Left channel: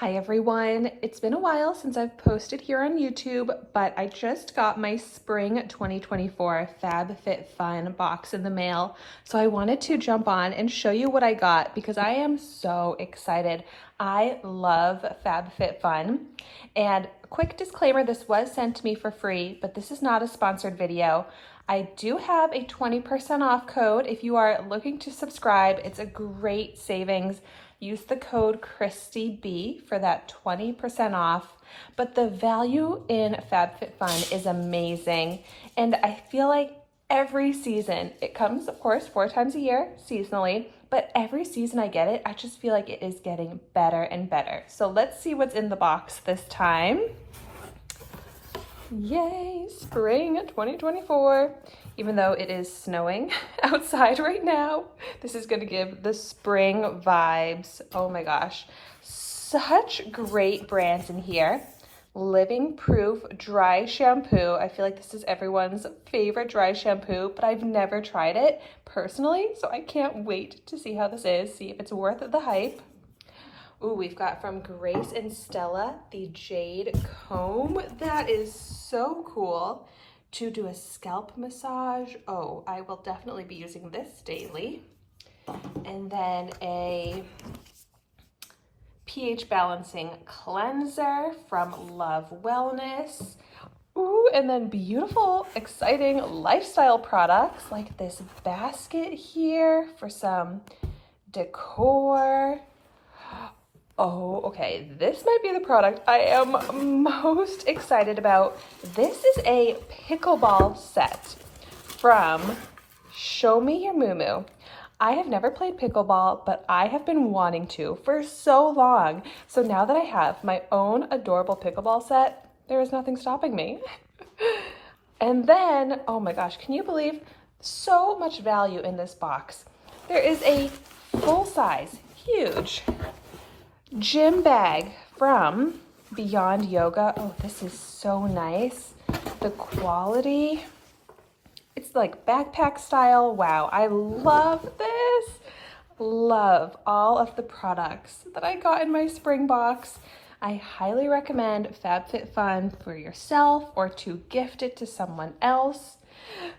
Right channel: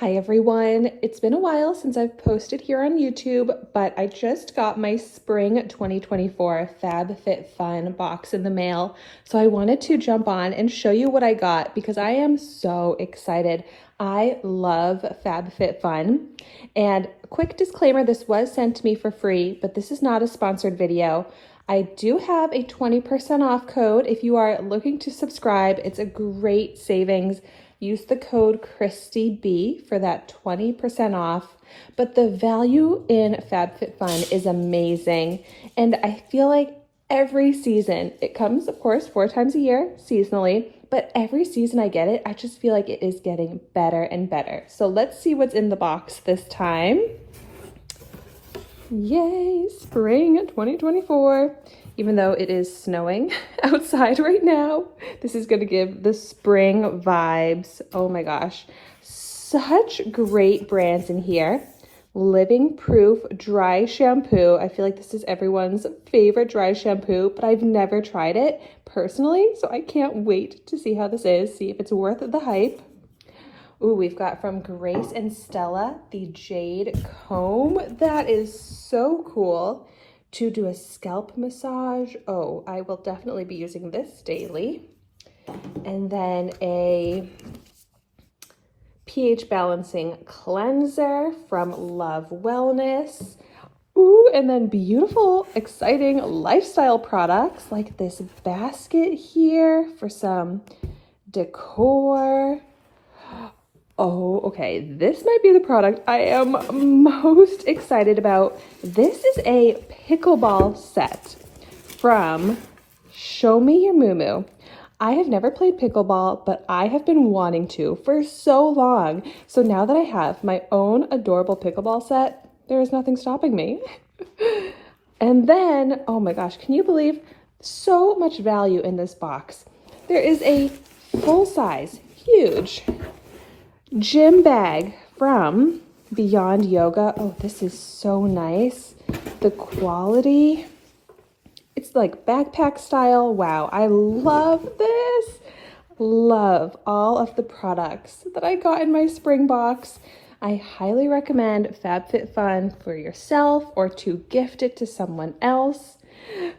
Hi everyone, it's been a while since I've posted here on YouTube, but I just got my spring 2024 FabFitFun box in the mail. So I wanted to jump on and show you what I got because I am so excited. I love FabFitFun. And quick disclaimer, this was sent to me for free, but this is not a sponsored video. I do have a 20% off code if you are looking to subscribe. It's a great savings. Use the code ChristyB for that 20% off. But the value in FabFitFun is amazing. And I feel like every season, it comes, of course, 4 times a year, seasonally, but every season I get it, I just feel like it is getting better and better. So let's see what's in the box this time. Yay, spring 2024. Even though it is snowing outside right now, this is gonna give the spring vibes. Oh my gosh, such great brands in here. Living Proof Dry Shampoo. I feel like this is everyone's favorite dry shampoo, but I've never tried it personally, so I can't wait to see how this is, see if it's worth the hype. Ooh, we've got from Grace and Stella, the Jade Comb. That is so cool to do a scalp massage. Oh, I will definitely be using this daily. And then a pH balancing cleanser from Love Wellness. Ooh, and then beautiful, exciting lifestyle products like this basket here for some decor. Oh, okay, this might be the product I am most excited about. This is a pickleball set from Show Me Your Moo. I have never played pickleball, but I have been wanting to for so long. So now that I have my own adorable pickleball set, there is nothing stopping me. And then, oh my gosh, can you believe so much value in this box? There is a full-size, huge gym bag from Beyond Yoga. Oh, this is so nice. The quality, it's like backpack style. Wow, I love this. Love all of the products that I got in my spring box. I highly recommend FabFitFun for yourself or to gift it to someone else.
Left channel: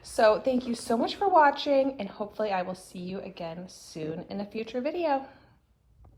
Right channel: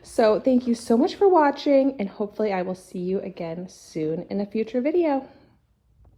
So thank you so much for watching, and hopefully I will see you again soon in a future video.